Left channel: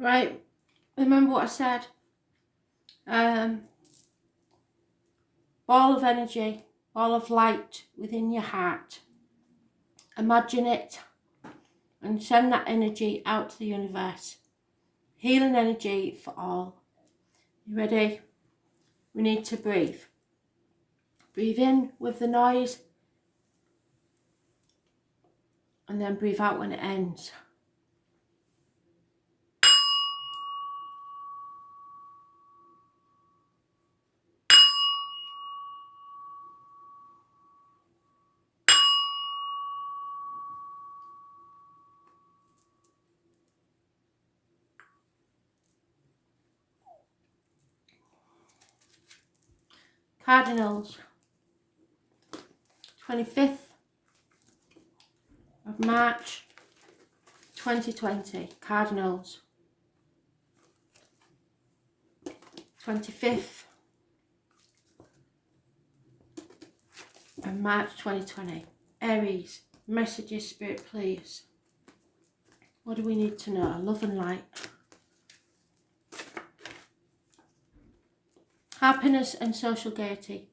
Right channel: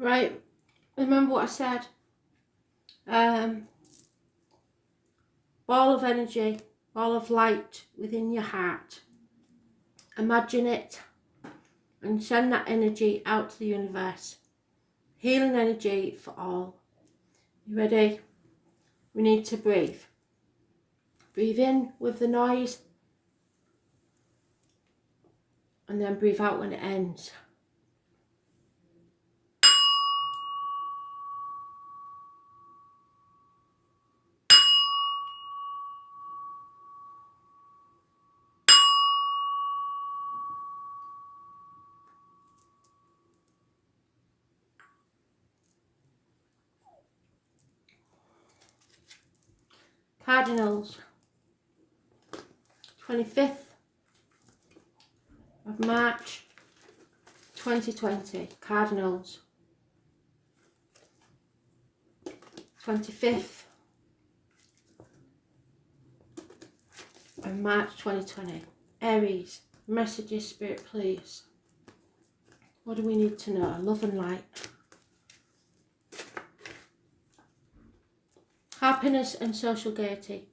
Right, remember what I said? Ball of energy, ball of light within your heart. Imagine it and send that energy out to the universe. Healing energy for all. You ready? We need to breathe. Breathe in with the noise and then breathe out when it ends. Cardinals, 25th of March 2020. Cardinals, 25th of March 2020. Aries, messages, Spirit, please. What do we need to know? Love and light. Happiness and social gaiety.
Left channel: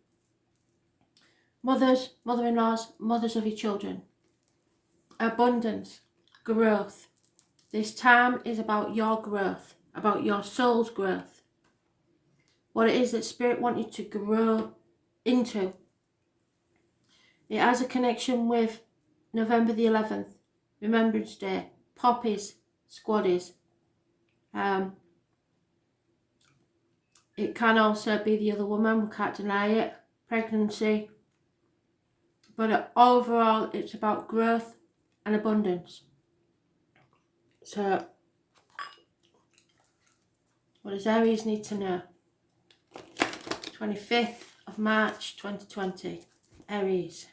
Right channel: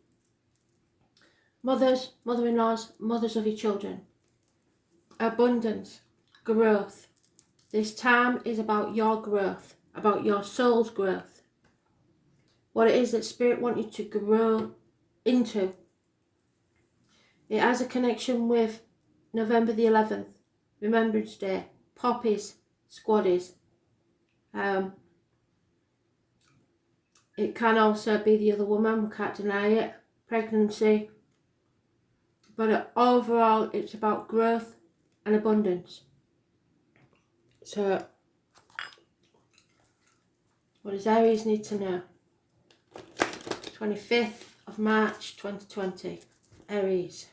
Mothers, mother-in-laws, mothers of your children. Abundance, growth. This time is about your growth, about your soul's growth. What it is that Spirit wants you to grow into. It has a connection with November the 11th, Remembrance Day, poppies, squaddies. It can also be the other woman, we can't deny it, pregnancy. But overall, it's about growth and abundance. So, what does Aries need to know? 25th of March 2020, Aries.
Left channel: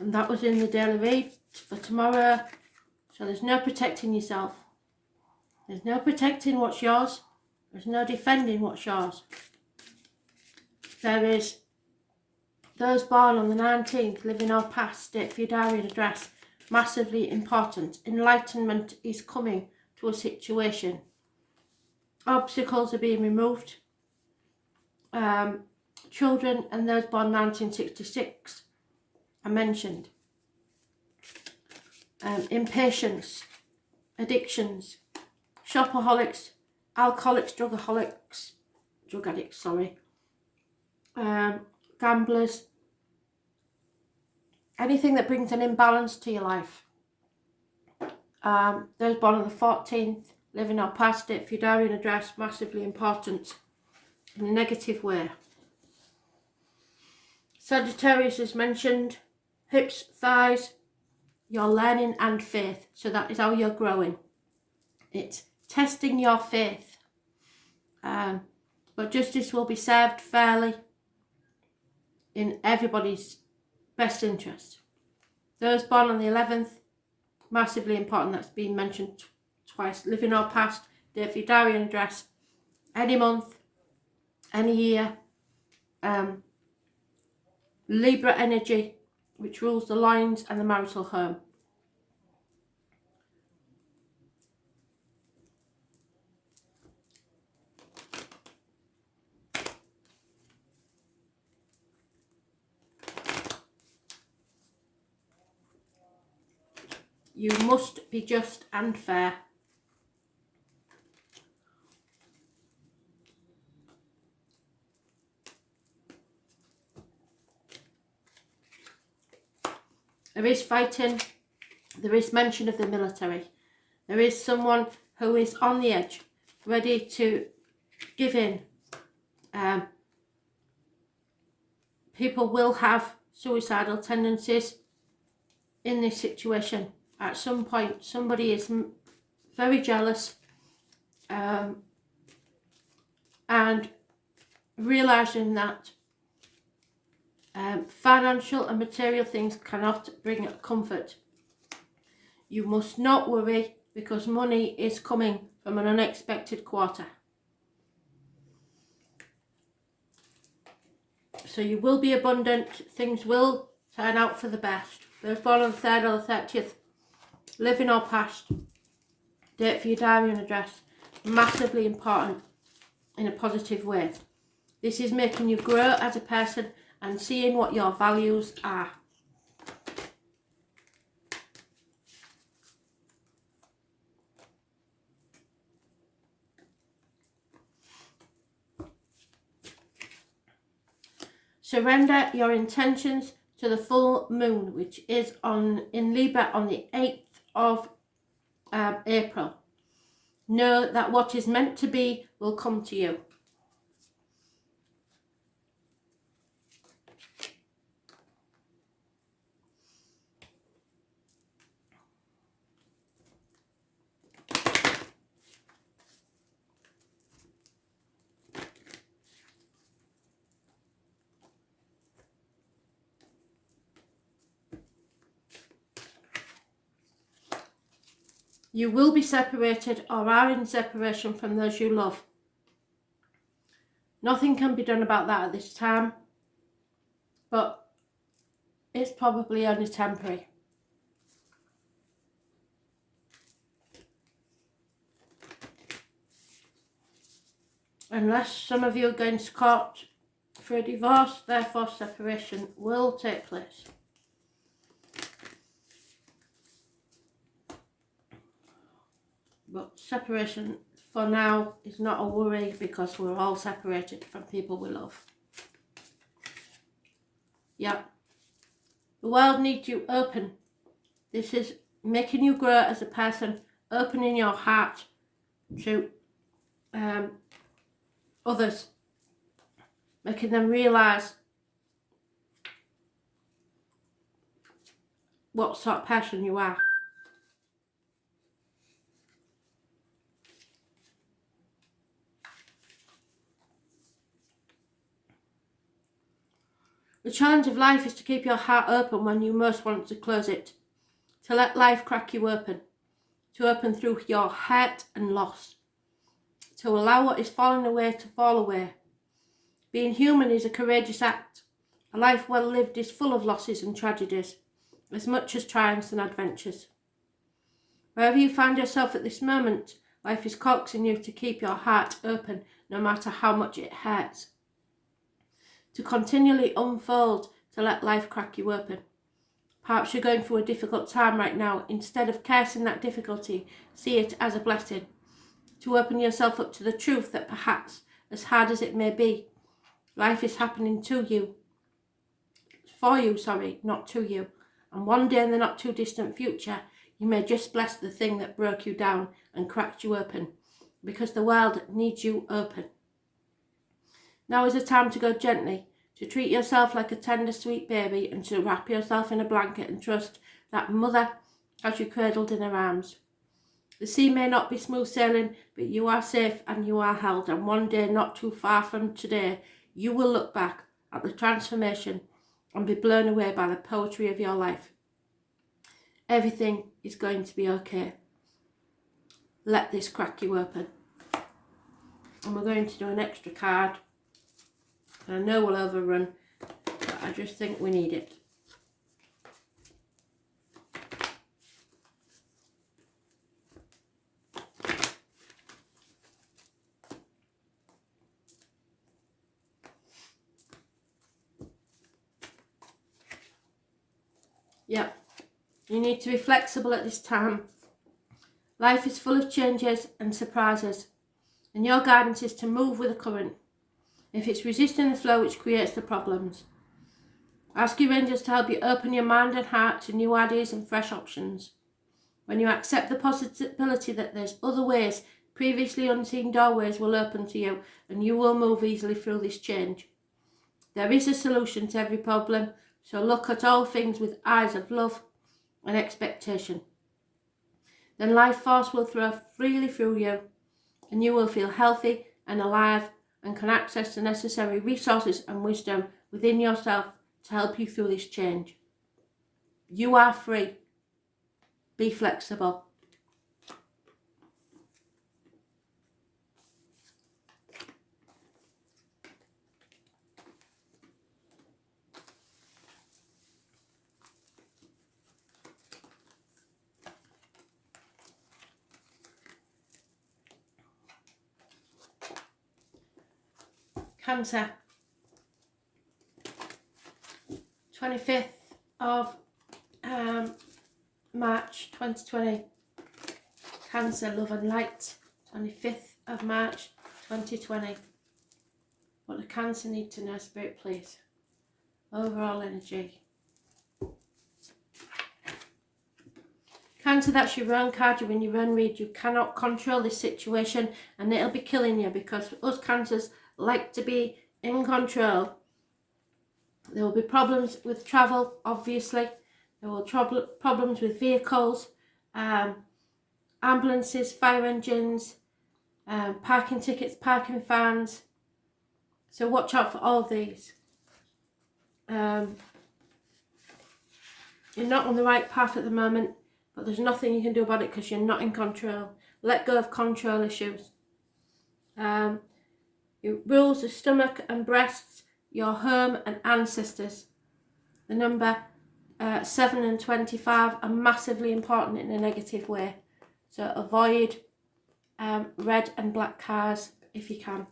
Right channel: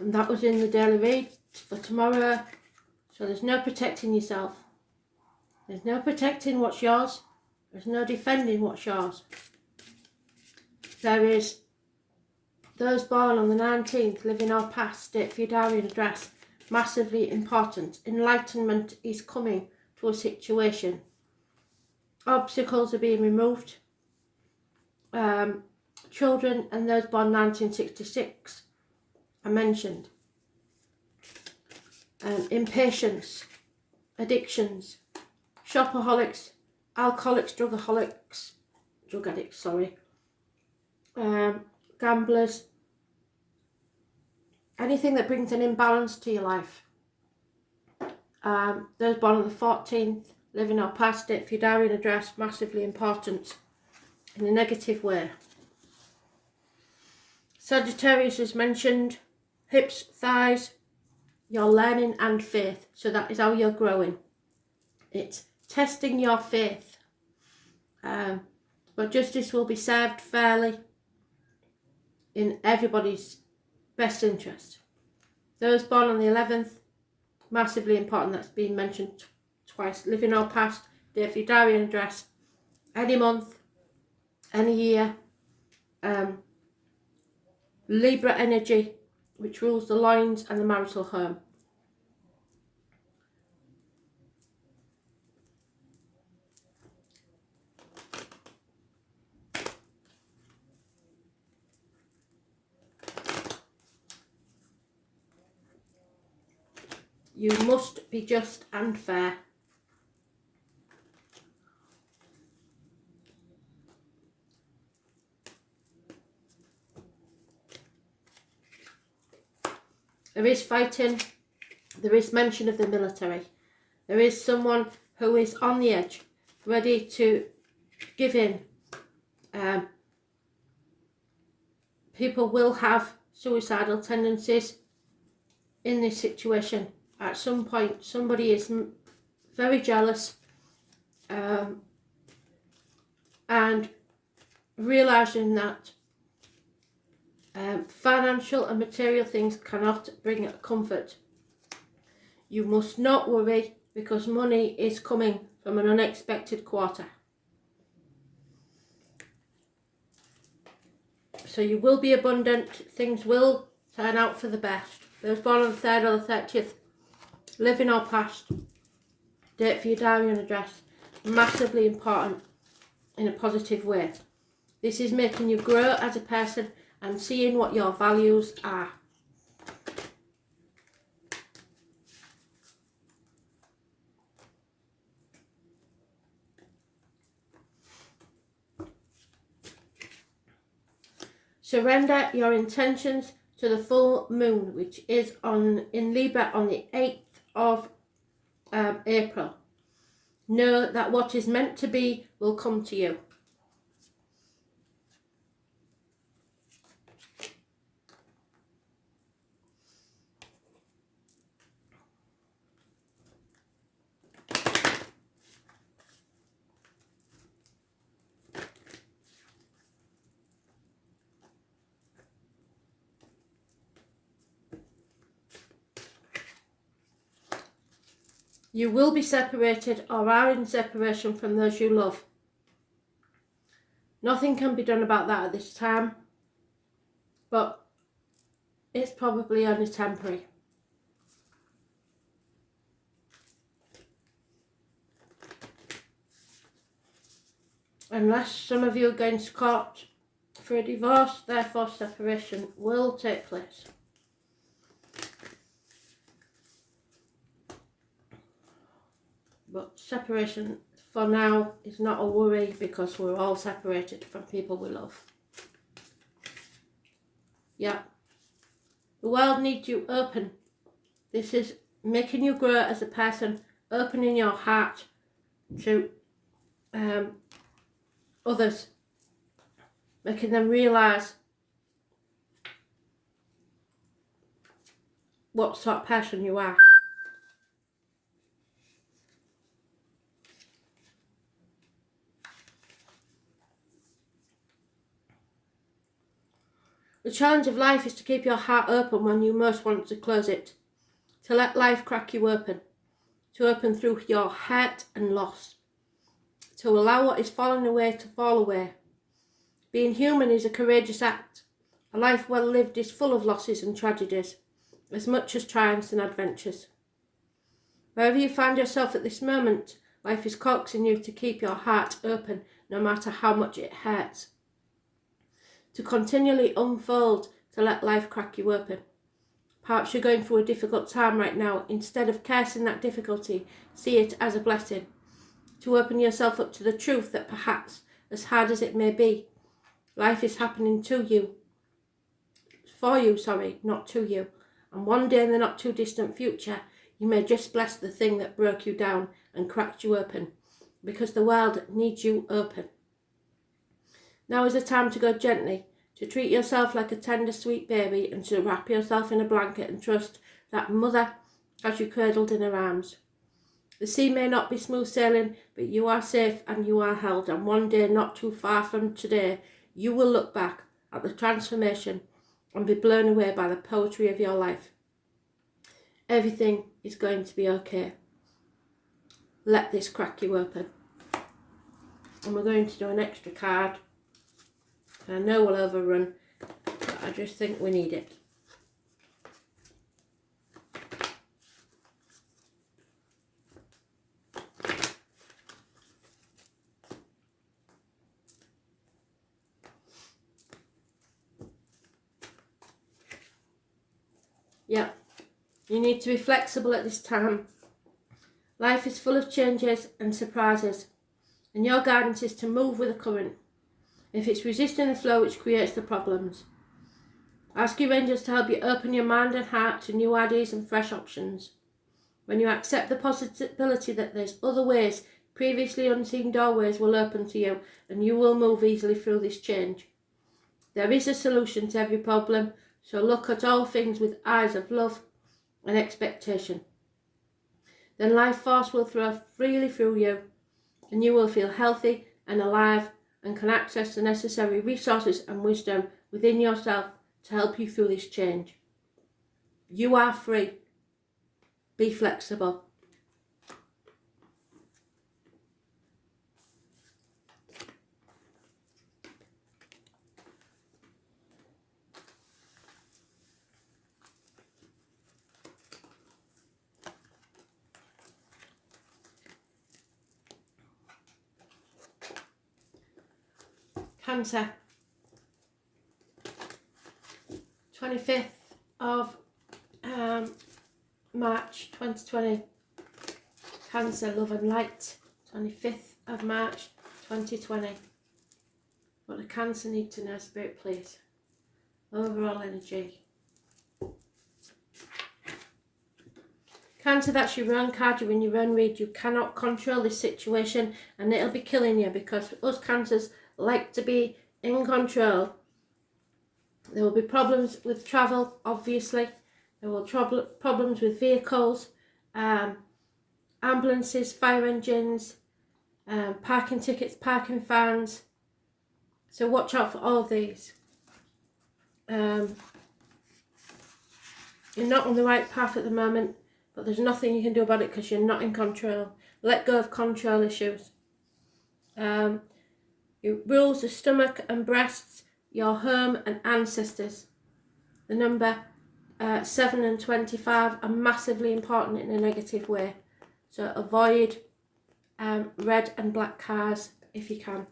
And that was in the daily read for tomorrow. So there's no protecting yourself. There's no protecting what's yours. There's no defending what's yours. There is those born on the 19th, living or past, date for your diary and address. Massively important. Enlightenment is coming to a situation. Obstacles are being removed. Children and those born 1966 are mentioned. Impatience, addictions, shopaholics, alcoholics, drug addicts, gamblers, anything that brings an imbalance to your life. Those born on the 14th, living or past, date for your diary and address, massively important in a negative way. Sagittarius is mentioned, hips, thighs, your learning and faith. So that is how you're growing. It's testing your faith. But justice will be served fairly in everybody's best interest. Those born on the 11th, massively important, that's been mentioned twice. Living or past, date for your diary and address, any month, any year. Libra energy, which rules the loins and the marital home. You must be just and fair. There is fighting. There is mention of the military. There is someone who is on the edge, ready to give in. People will have suicidal tendencies in this situation. At some point, somebody is very jealous and realising that financial and material things cannot bring comfort. You must not worry, because money is coming from an unexpected quarter. So you will be abundant. Things will turn out for the best. Those born on the 3rd or the 30th, living or past, date for your diary and address, massively important in a positive way. This is making you grow as a person and seeing what your values are. Surrender your intentions to the full moon, which is in Libra on the 8th of April. Know that what is meant to be will come to you. You will be separated or are in separation from those you love. Nothing can be done about that at this time, but it's probably only temporary. Unless some of you are going to court for a divorce, therefore separation will take place. But separation for now is not a worry because we're all separated from people we love. Yeah. The world needs you open. This is making you grow as a person, opening your heart to others, making them realise what sort of person you are. The challenge of life is to keep your heart open when you most want to close it, to let life crack you open, to open through your hurt and loss, to allow what is falling away to fall away. Being human is a courageous act. A life well lived is full of losses and tragedies, as much as triumphs and adventures. Wherever you find yourself at this moment, life is coaxing you to keep your heart open, no matter how much it hurts. To continually unfold, to let life crack you open. Perhaps you're going through a difficult time right now. Instead of cursing that difficulty, see it as a blessing. To open yourself up to the truth that perhaps, as hard as it may be, life is happening to you. For you, not to you. And one day in the not too distant future, you may just bless the thing that broke you down and cracked you open, because the world needs you open. Now is the time to go gently, to treat yourself like a tender, sweet baby, and to wrap yourself in a blanket and trust that mother has you cradled in her arms. The sea may not be smooth sailing, but you are safe and you are held, and one day not too far from today, you will look back at the transformation and be blown away by the poetry of your life. Everything is going to be okay. Let this crack you open. And we're going to do an extra card. I know we'll overrun, but I just think we need it. Yeah, you need to be flexible at this time. Life is full of changes and surprises, and your guidance is to move with the current. If it's resisting the flow, which creates the problems. Ask your angels to help you open your mind and heart to new ideas and fresh options. When you accept the possibility that there's other ways, previously unseen doorways will open to you, and you will move easily through this change. There is a solution to every problem, so look at all things with eyes of love and expectation. Then life force will flow freely through you, and you will feel healthy and alive and can access the necessary resources and wisdom within yourself to help you through this change. You are free. Be flexible. Cancer. 25th of March 2020. Cancer, love and light. 25th of March 2020. What do Cancer need to know, Spirit, please? Overall energy. Cancer, that's your own card. You're in your own read. You cannot control this situation and it'll be killing you, because us Cancers like to be in control. There will be problems with travel, obviously. There will be problems with vehicles, ambulances, fire engines, parking tickets, parking fines. So watch out for all of these. You're not on the right path at the moment, but there's nothing you can do about it because you're not in control. Let go of control issues. It rules the stomach and breasts, your home and ancestors. The number 7 and 25 are massively important in a negative way. So avoid red and black cars if you can.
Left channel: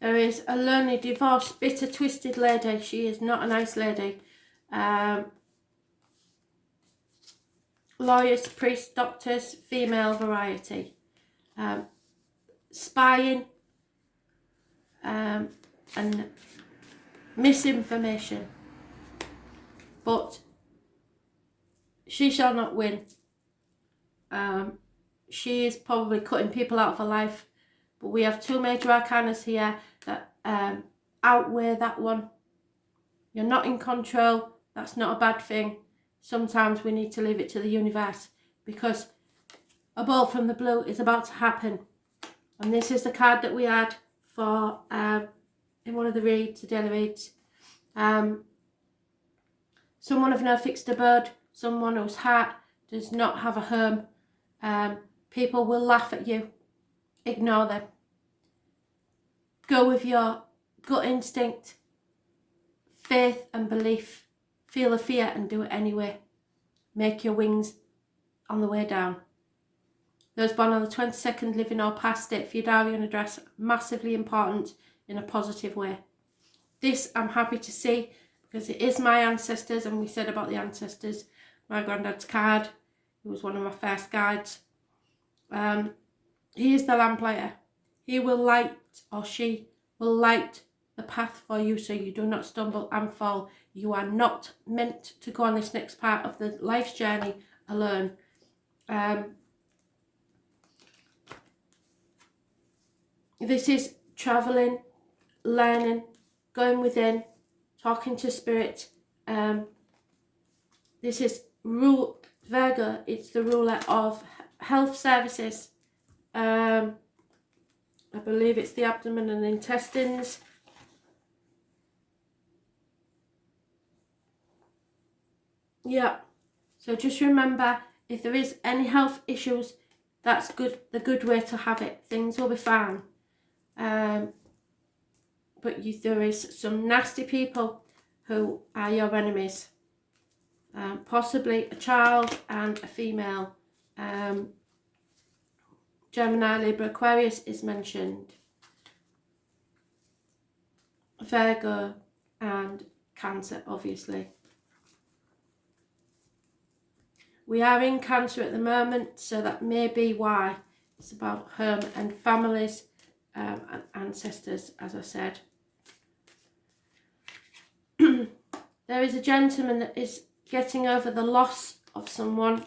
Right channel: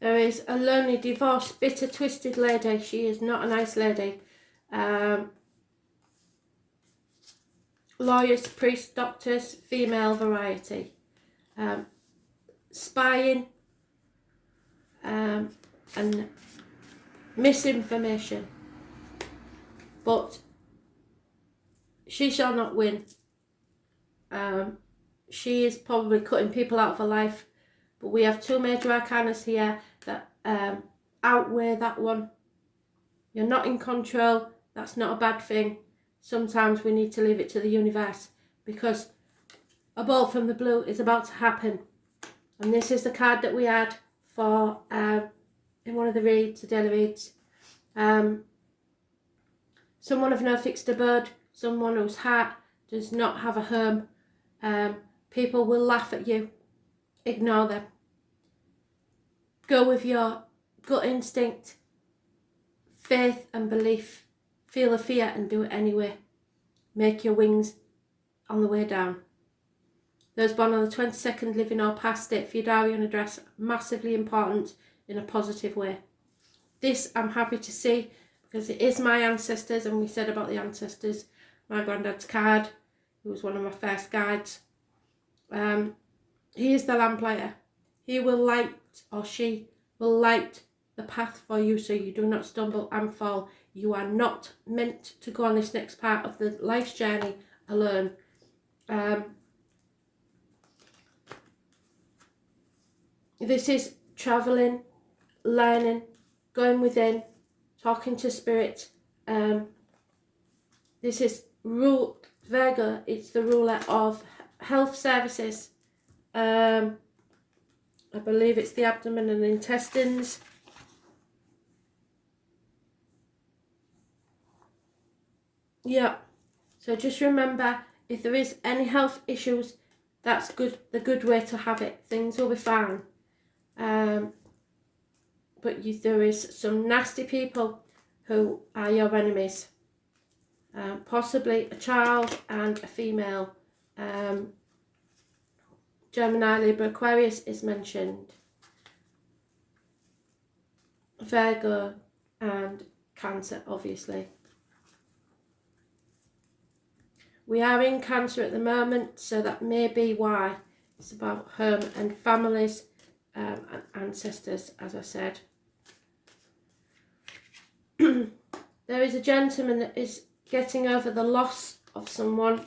There is a lonely, divorced, bitter, twisted lady. She is not a nice lady. Lawyers, priests, doctors, female variety. Spying and misinformation. But she shall not win. She is probably cutting people out of her life. But we have two major arcanas here that outweigh that one. You're not in control. That's not a bad thing. Sometimes we need to leave it to the universe, because a ball from the blue is about to happen. And this is the card that we had for in one of the reads, the daily reads. Someone of no fixed abode, someone whose heart does not have a home. People will laugh at you. Ignore them. Go with your gut instinct, faith and belief. Feel the fear and do it anyway. Make your wings on the way down. Those born on the 22nd, living or past, state for your diary and address. Massively important in a positive way. This I'm happy to see, because it is my ancestors, and we said about the ancestors. My granddad's card, who was one of my first guides. He is the lamplighter. He will light, or she will light the path for you so you do not stumble and fall. You are not meant to go on this next part of the life's journey alone. This is travelling, learning, going within, talking to spirit. This is Virgo, it's the ruler of health services. I believe it's the abdomen and intestines. Yeah, so just remember, if there is any health issues, that's good. The good way to have it. Things will be fine. But there is some nasty people who are your enemies. Possibly a child and a female. Gemini, Libra, Aquarius is mentioned. Virgo and Cancer, obviously. We are in Cancer at the moment, so that may be why. It's about home and families and ancestors, as I said. There is a gentleman that is getting over the loss of someone.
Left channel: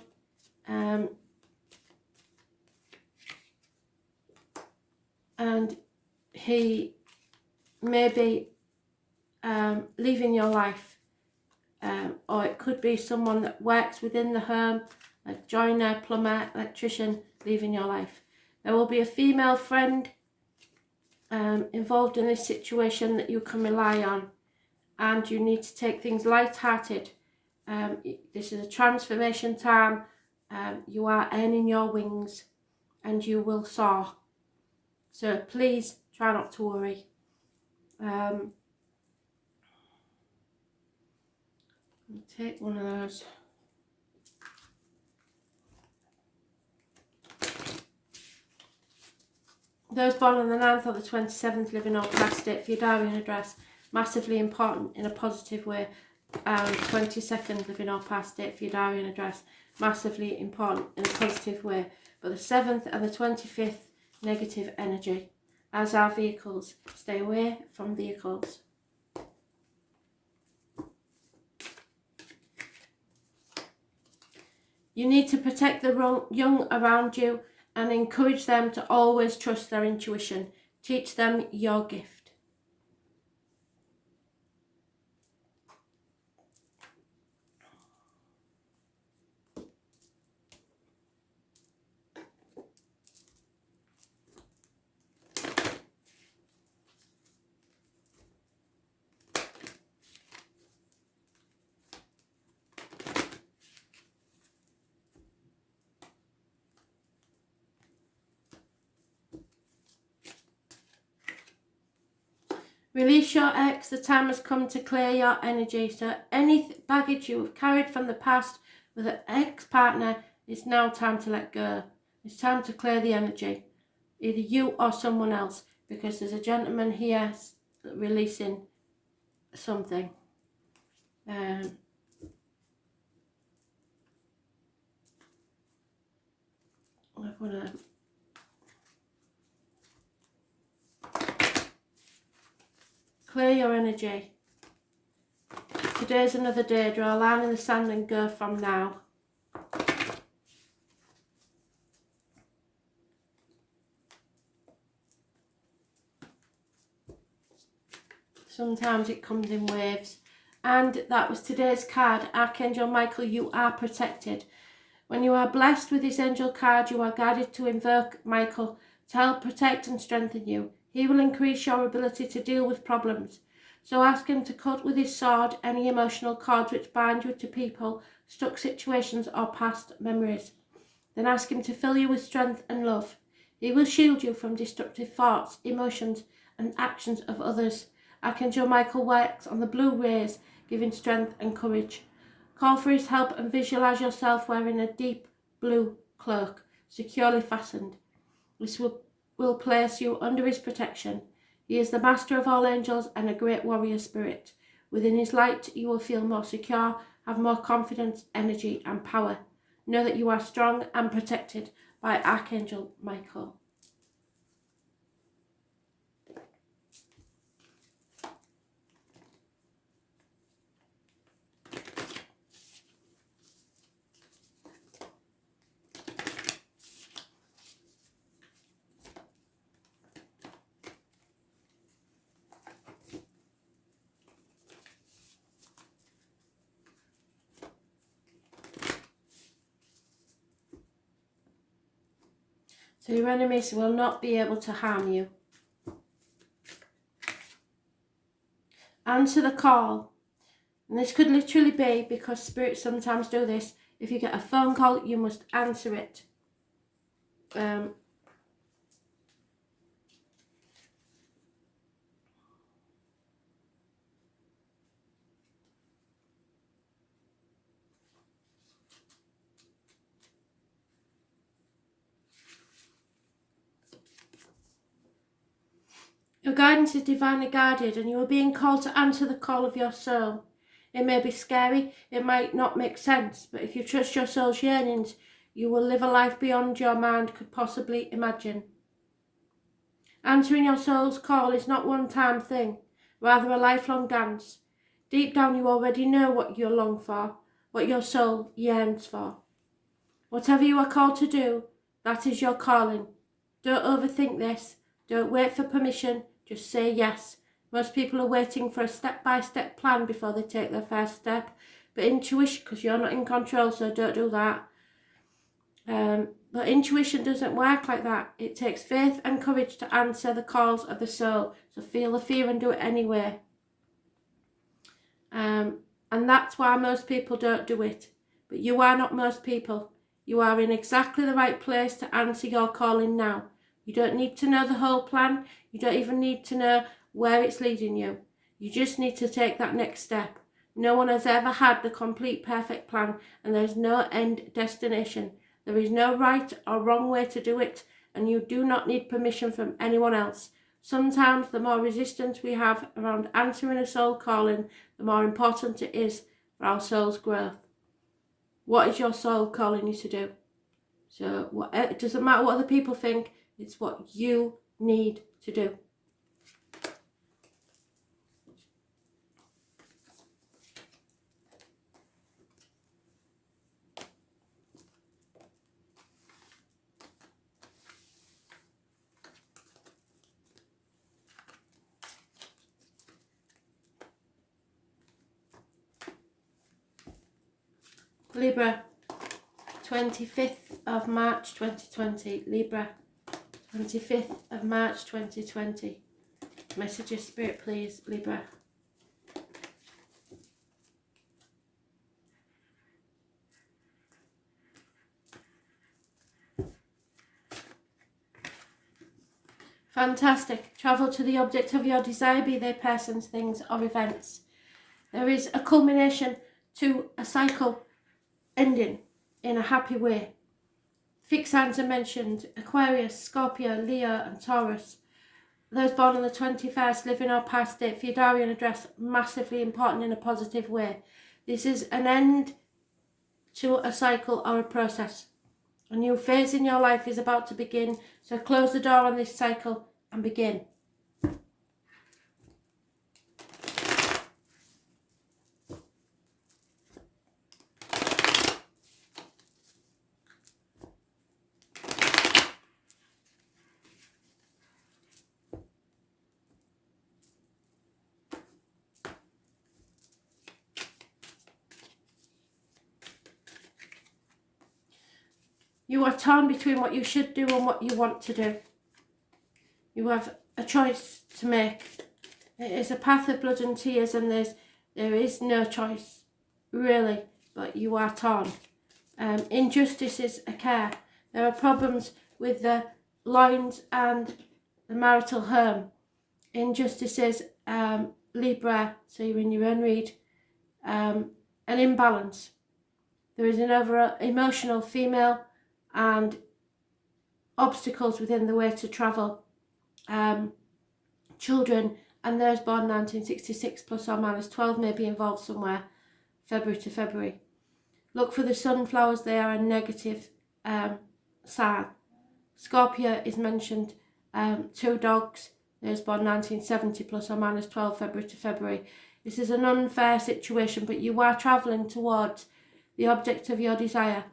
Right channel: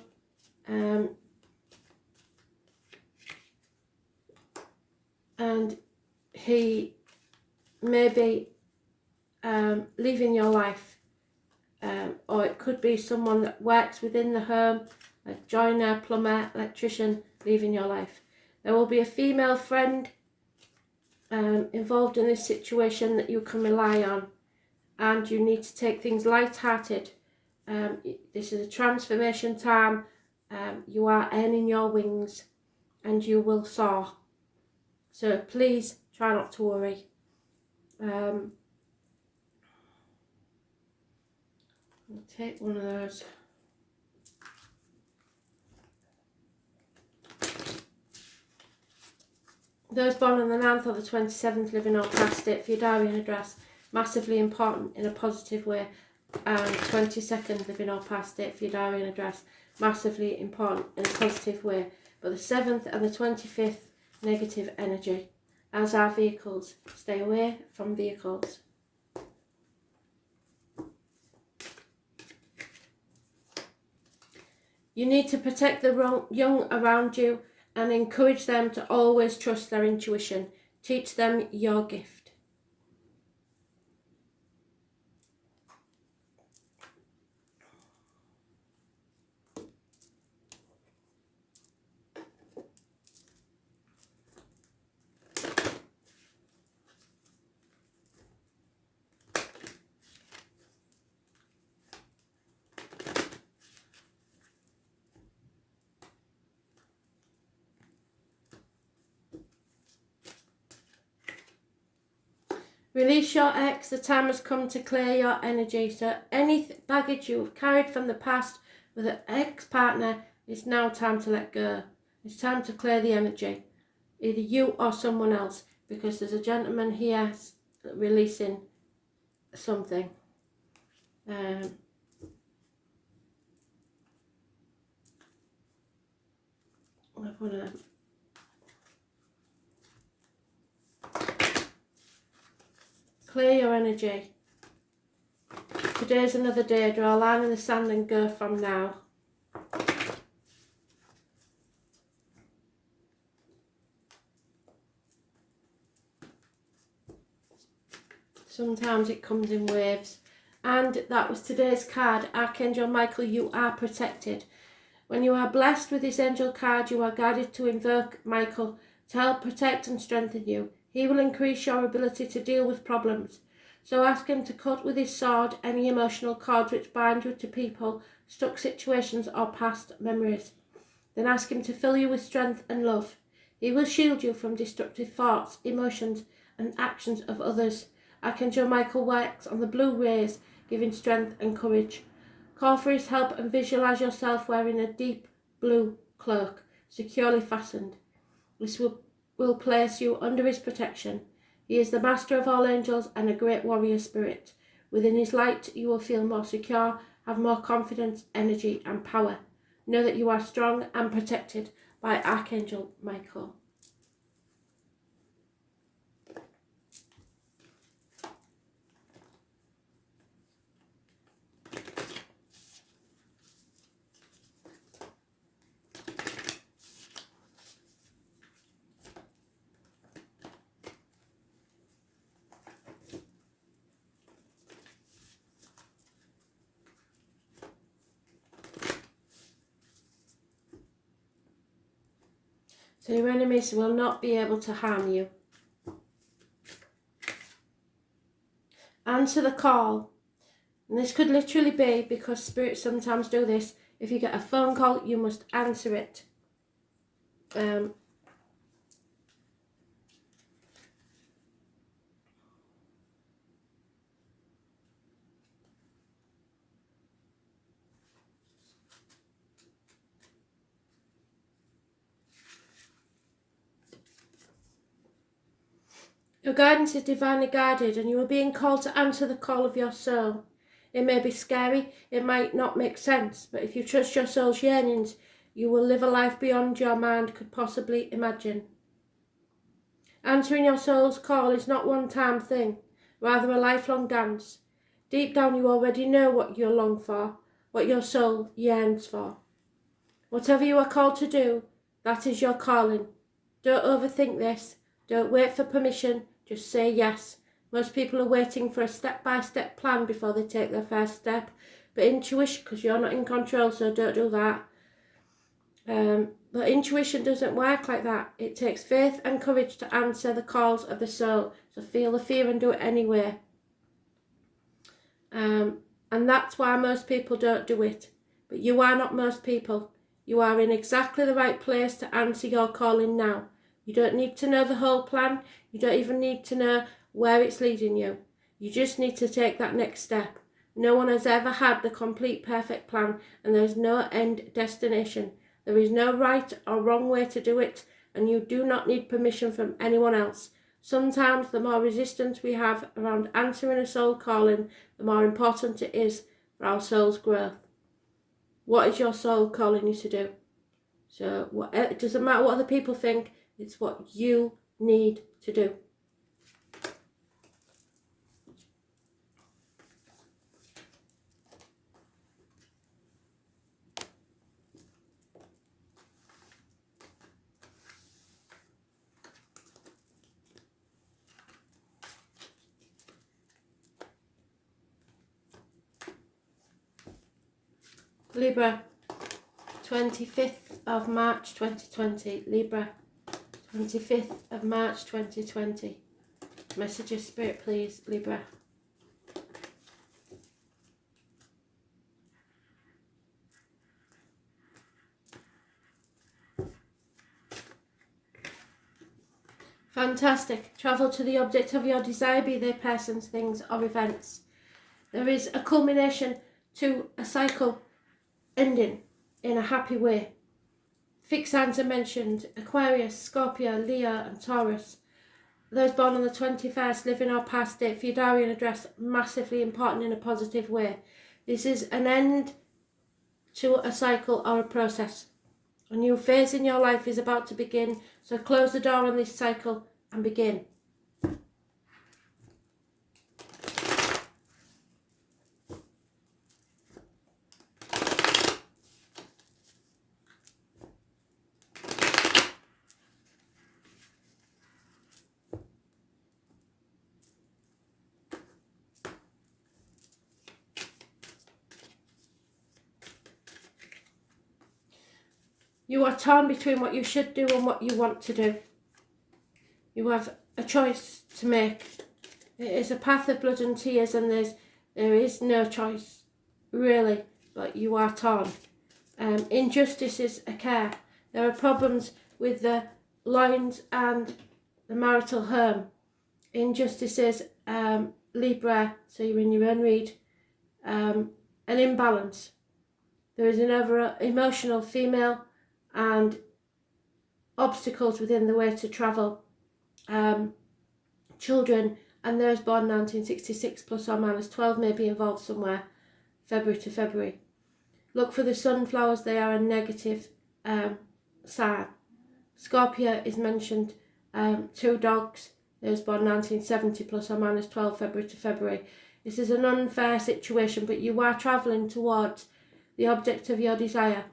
And he may be leaving your life. Or it could be someone that works within the home, a joiner, plumber, electrician, leaving your life. There will be a female friend involved in this situation that you can rely on, and you need to take things light-hearted. This is a transformation time. You are earning your wings and you will soar. So please try not to worry. I'll take one of those. Those born on the 9th or the 27th, living or past it, for your diary and address, massively important in a positive way. And 22nd, living or past it, for your diary and address, massively important in a positive way. But the 7th and the 25th, negative energy. As are vehicles. Stay away from vehicles. You need to protect the young around you and encourage them to always trust their intuition. Teach them your gift. Release your ex. The time has come to clear your energy. So any baggage you have carried from the past with an ex-partner, it's now time to let go. It's time to clear the energy. Either you or someone else. Because there's a gentleman here releasing something. I want to... Clear your energy. Today's another day. Draw a line in the sand and go from now. Sometimes it comes in waves. And that was today's card. Archangel Michael, you are protected. When you are blessed with this angel card, you are guided to invoke Michael to help protect and strengthen you. He will increase your ability to deal with problems. So ask him to cut with his sword any emotional cords which bind you to people, stuck situations or past memories. Then ask him to fill you with strength and love. He will shield you from destructive thoughts, emotions and actions of others. Archangel Michael works on the blue rays, giving strength and courage. Call for his help and visualize yourself wearing a deep blue cloak, securely fastened. This will place you under his protection. He is the master of all angels and a great warrior spirit. Within his light you will feel more secure, have more confidence, energy and power. Know that you are strong and protected by Archangel Michael. So your enemies will not be able to harm you. Answer the call. And this could literally be, because spirits sometimes do this, if you get a phone call, you must answer it. Your guidance is divinely guided and you are being called to answer the call of your soul. It may be scary, it might not make sense, but if you trust your soul's yearnings, you will live a life beyond your mind could possibly imagine. Answering your soul's call is not a one-time thing, rather a lifelong dance. Deep down you already know what you long for, what your soul yearns for. Whatever you are called to do, that is your calling. Don't overthink this. Don't wait for permission. Just say yes. Most people are waiting for a step-by-step plan before they take their first step. But intuition, because you're not in control, so don't do that. But intuition doesn't work like that. It takes faith and courage to answer the calls of the soul. So feel the fear and do it anyway. And that's why most people don't do it. But you are not most people. You are in exactly the right place to answer your calling now. You don't need to know the whole plan. You don't even need to know where it's leading you. You just need to take that next step. No one has ever had the complete perfect plan, and there's no end destination. There is no right or wrong way to do it, and you do not need permission from anyone else. Sometimes the more resistance we have around answering a soul calling, the more important it is for our soul's growth. What is your soul calling you to do? So it doesn't matter what other people think, it's what you need to do. Libra, 25th of March 2020. Libra, 25th of March 2020. Messages, Spirit, please, Libra. Fantastic. Travel to the object of your desire, be they persons, things or events. There is a culmination to a cycle ending in a happy way. Fixed signs are mentioned: Aquarius, Scorpio, Leo and Taurus. Those born on the 21st, living or past date, Fudarian address, massively important in a positive way. This is an end to a cycle or a process. A new phase in your life is about to begin, so close the door on this cycle and begin. You are torn between what you should do and what you want to do. You have a choice to make. It is a path of blood and tears, and there is no choice, really, but you are torn. Injustices occur. There are problems with the loins and the marital home. Injustices, Libra, so you're in your own read, an imbalance. There is an over emotional female and obstacles within the way to travel. Children and those born 1966 plus or minus 12 may be involved somewhere, February to February. Look for the sunflowers, they are a negative sign. Scorpio is mentioned, 2 dogs, those born 1970 plus or minus 12, February to February. This is an unfair situation, but you are travelling towards the object of your desire.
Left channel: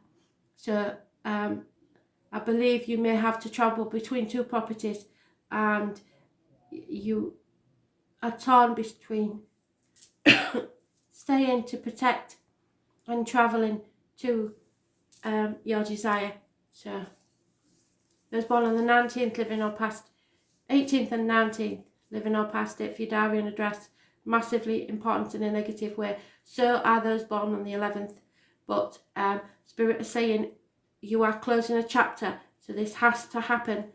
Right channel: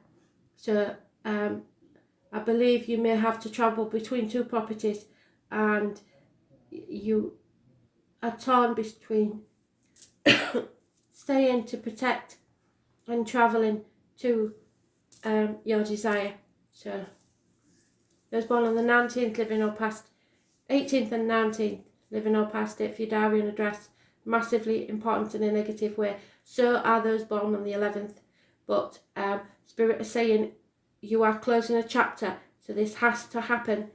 So I believe you may have to travel between 2 properties, and you are torn between staying to protect and travelling to your desire. So those born on the 19th, living or past 18th and 19th, living or past it, Fudarian address, massively important in a negative way. So are those born on the 11th, but Spirit is saying you are closing a chapter, so this has to happen.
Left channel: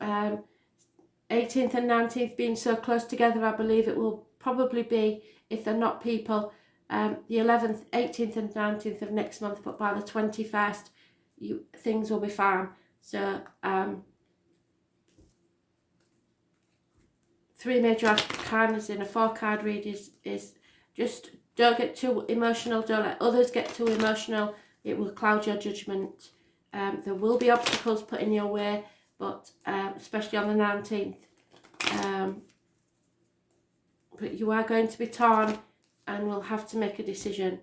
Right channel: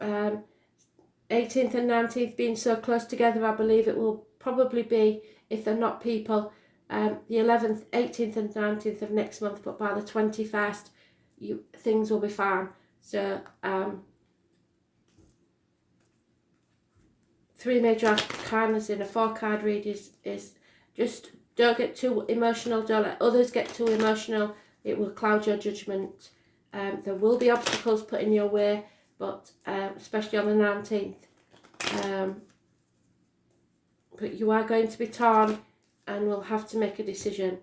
18th and 19th being so close together, I believe it will probably be, if they're not people, the 11th, 18th and 19th of next month, but by the 21st, things will be fine. So 3 major arcanas in a 4-card read is just don't get too emotional, don't let others get too emotional. It will cloud your judgment. There will be obstacles put in your way, but especially on the 19th. But you are going to be torn and will have to make a decision.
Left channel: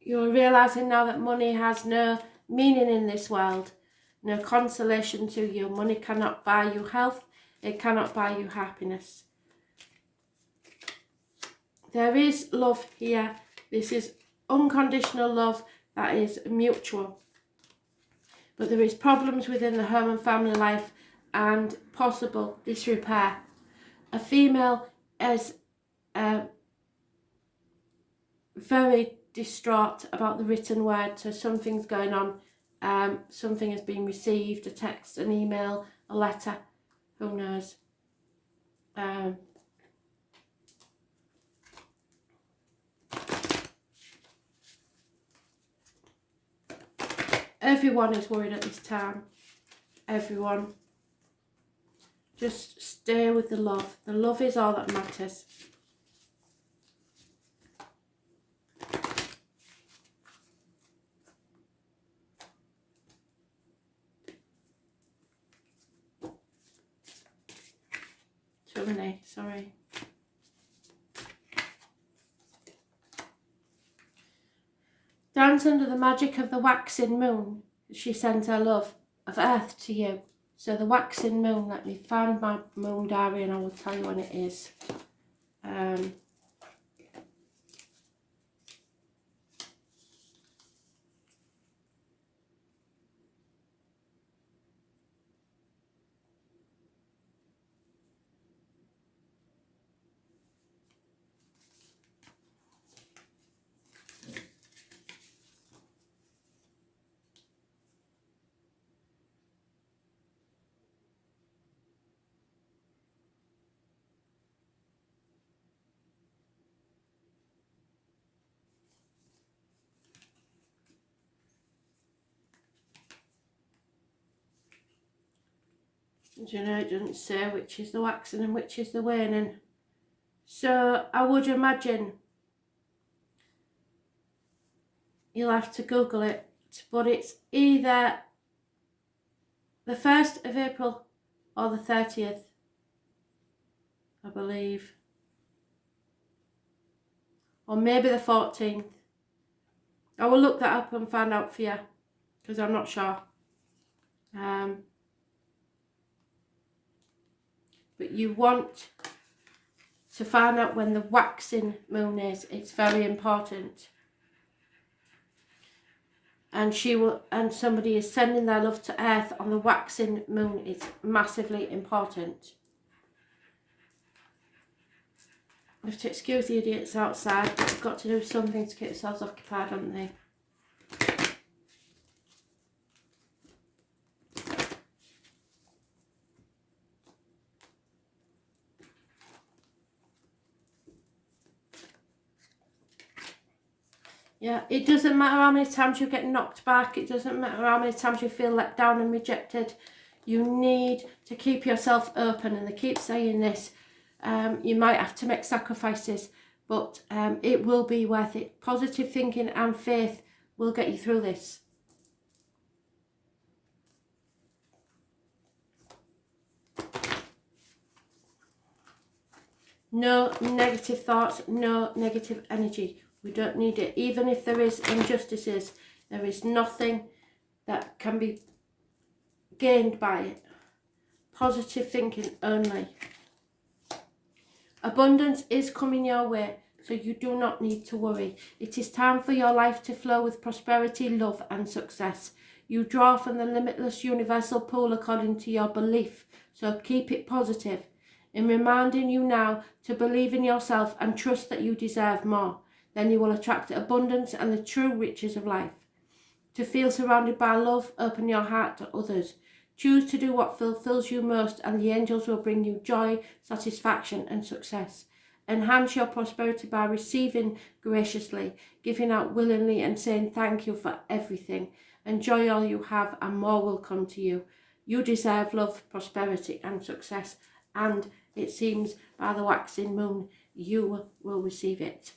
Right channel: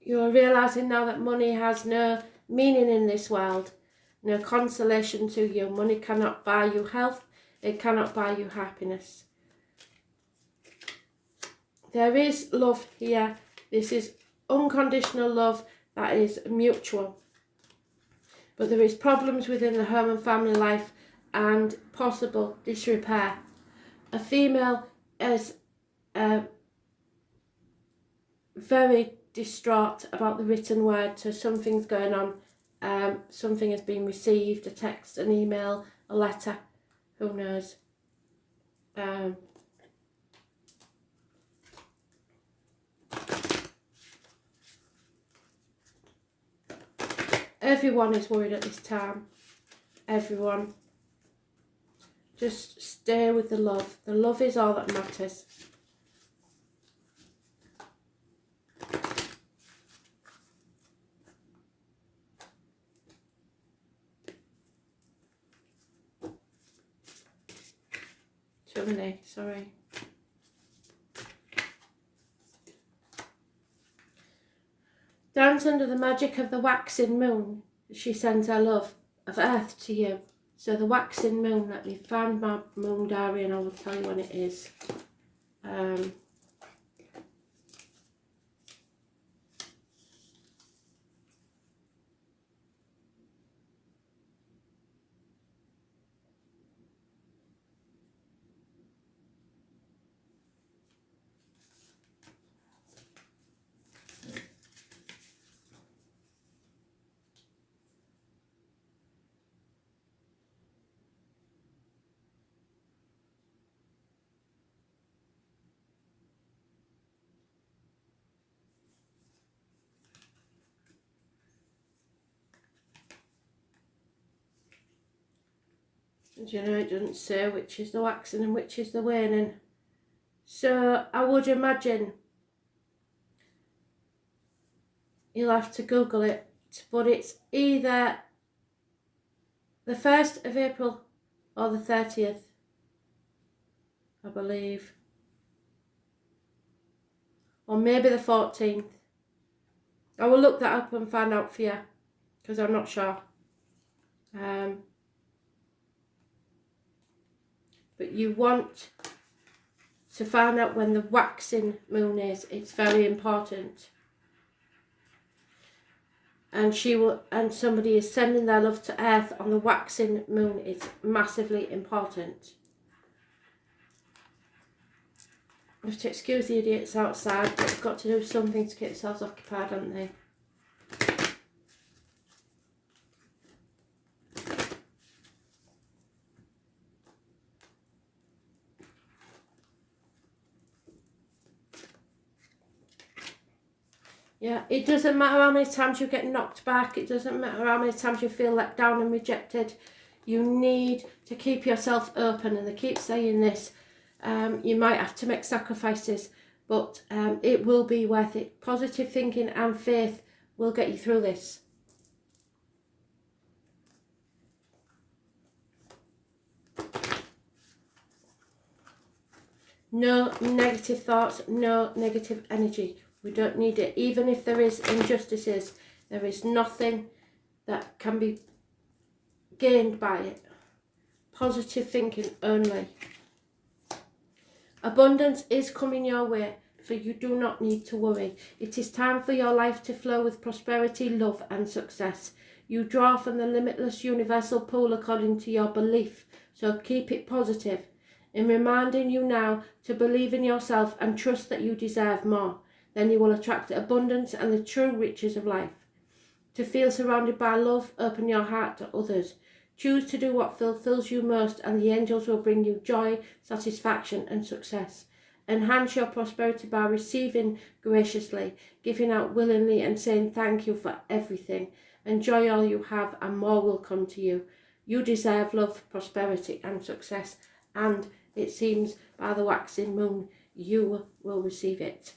You're realising now that money has no meaning in this world, no consolation to you. Money cannot buy you health, it cannot buy you happiness. There is love here. This is unconditional love that is mutual. But there is problems within the home and family life and possible disrepair. A female is very distraught about the written word. So something's going on. Something has been received, a text, an email, a letter, who knows. Everyone is worried at this time. Everyone. Just stay with the love. The love is all that matters. Chumley, sorry. Dance under the magic of the waxing moon. She sends her love of earth to you. So the waxing moon, let me find my moon diary and I will tell you when it is. You know, it doesn't say which is the waxing and which is the waning. So I would imagine you'll have to Google it, but it's either the 1st of April or the 30th, I believe. Or maybe the 14th. I will look that up and find out for you, because I'm not sure. But you want to find out when the waxing moon is. It's very important. And somebody is sending their love to earth on the waxing moon. It's massively important. You have to excuse the idiots outside, but they've got to do something to get themselves occupied, haven't they? Yeah, it doesn't matter how many times you get knocked back. It doesn't matter how many times you feel let down and rejected. You need to keep yourself open. And they keep saying this. You might have to make sacrifices, but it will be worth it. Positive thinking and faith will get you through this. No negative thoughts, no negative energy. We don't need it. Even if there is injustices, there is nothing that can be gained by it. Positive thinking only. Abundance is coming your way, so you do not need to worry. It is time for your life to flow with prosperity, love and success. You draw from the limitless universal pool according to your belief, so keep it positive. In reminding you now to believe in yourself and trust that you deserve more, then you will attract abundance and the true riches of life. To feel surrounded by love, open your heart to others. Choose to do what fulfills you most, and the angels will bring you joy, satisfaction and success. Enhance your prosperity by receiving graciously, giving out willingly and saying thank you for everything. Enjoy all you have and more will come to you. You deserve love, prosperity and success, and it seems by the waxing moon you will receive it.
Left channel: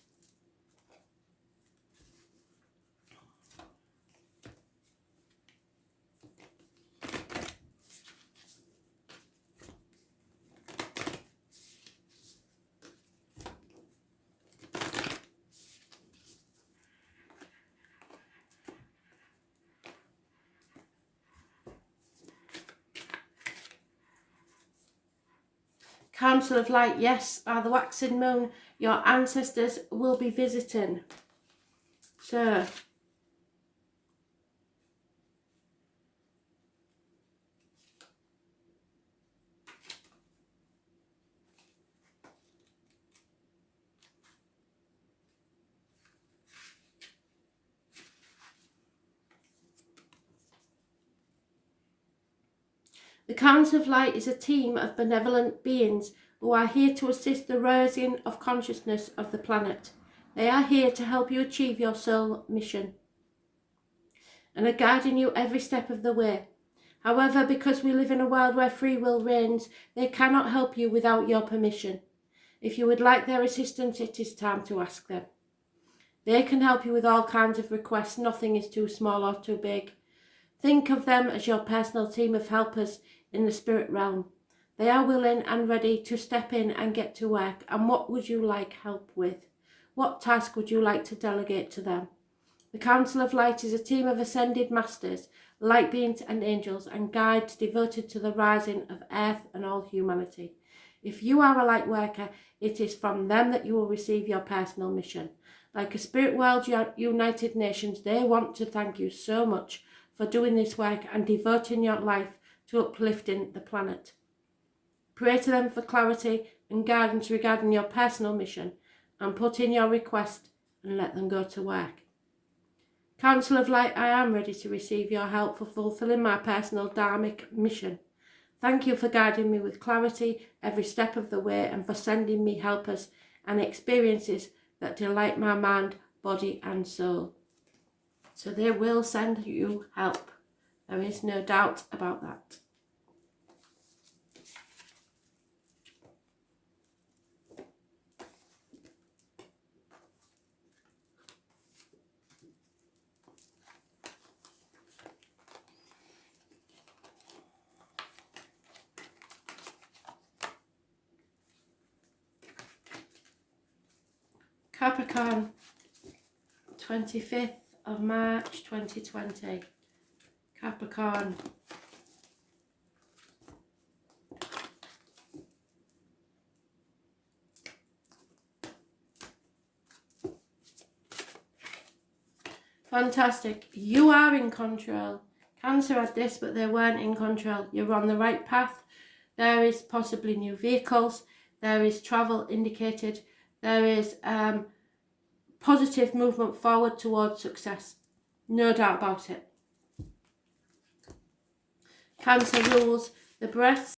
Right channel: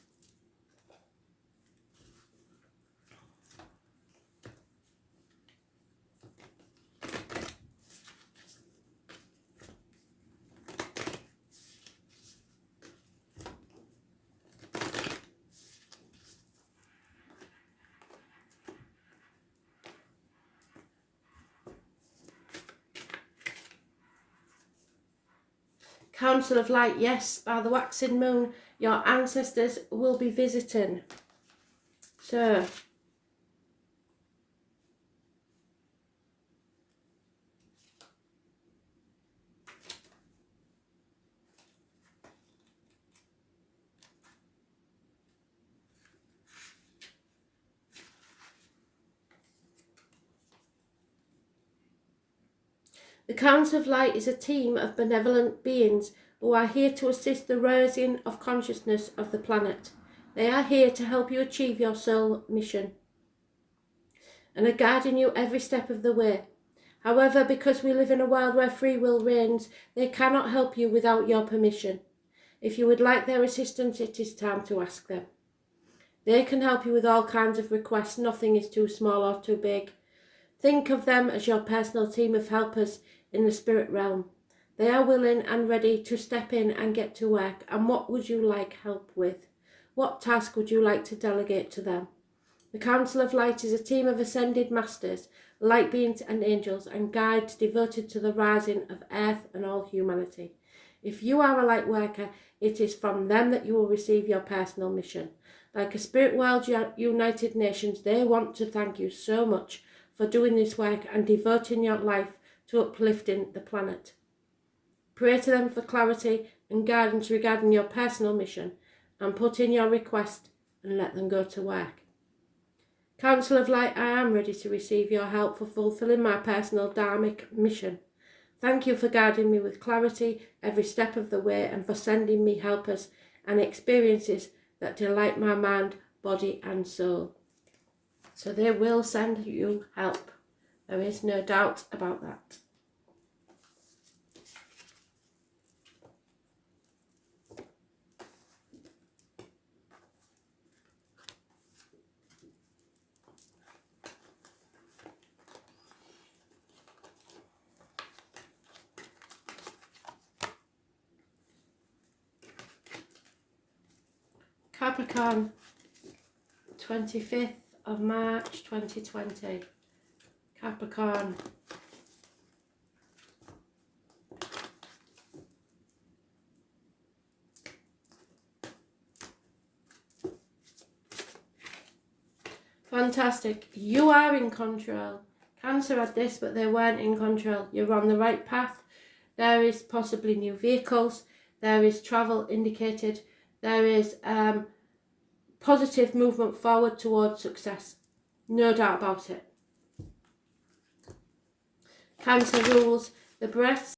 Council of Light, yes, by the waxing moon, your ancestors will be visiting. So, The Council of Light is a team of benevolent beings who are here to assist the raising of consciousness of the planet. They are here to help you achieve your soul mission and are guiding you every step of the way. However, because we live in a world where free will reigns, they cannot help you without your permission. If you would like their assistance, it is time to ask them. They can help you with all kinds of requests. Nothing is too small or too big. Think of them as your personal team of helpers in the spirit realm. They are willing and ready to step in and get to work. And what would you like help with? What task would you like to delegate to them? The Council of Light is a team of ascended masters, light beings and angels, and guides devoted to the rising of earth and all humanity. If you are a light worker, it is from them that you will receive your personal mission. Like a Spirit World United Nations, they want to thank you so much for doing this work and devoting your life to uplifting the planet. Pray to them for clarity and guidance regarding your personal mission, and put in your request and let them go to work. Council of Light, I am ready to receive your help for fulfilling my personal dharmic mission. Thank you for guiding me with clarity every step of the way, and for sending me helpers and experiences that delight my mind, body and soul. So they will send you help. There is no doubt about that. Capricorn, 25th of March 2020. Capricorn. Fantastic. You are in control. Cancer had this, but they weren't in control. You're on the right path. There is possibly new vehicles. There is travel indicated. There is positive movement forward towards success. No doubt about it. Cancer rules the breath,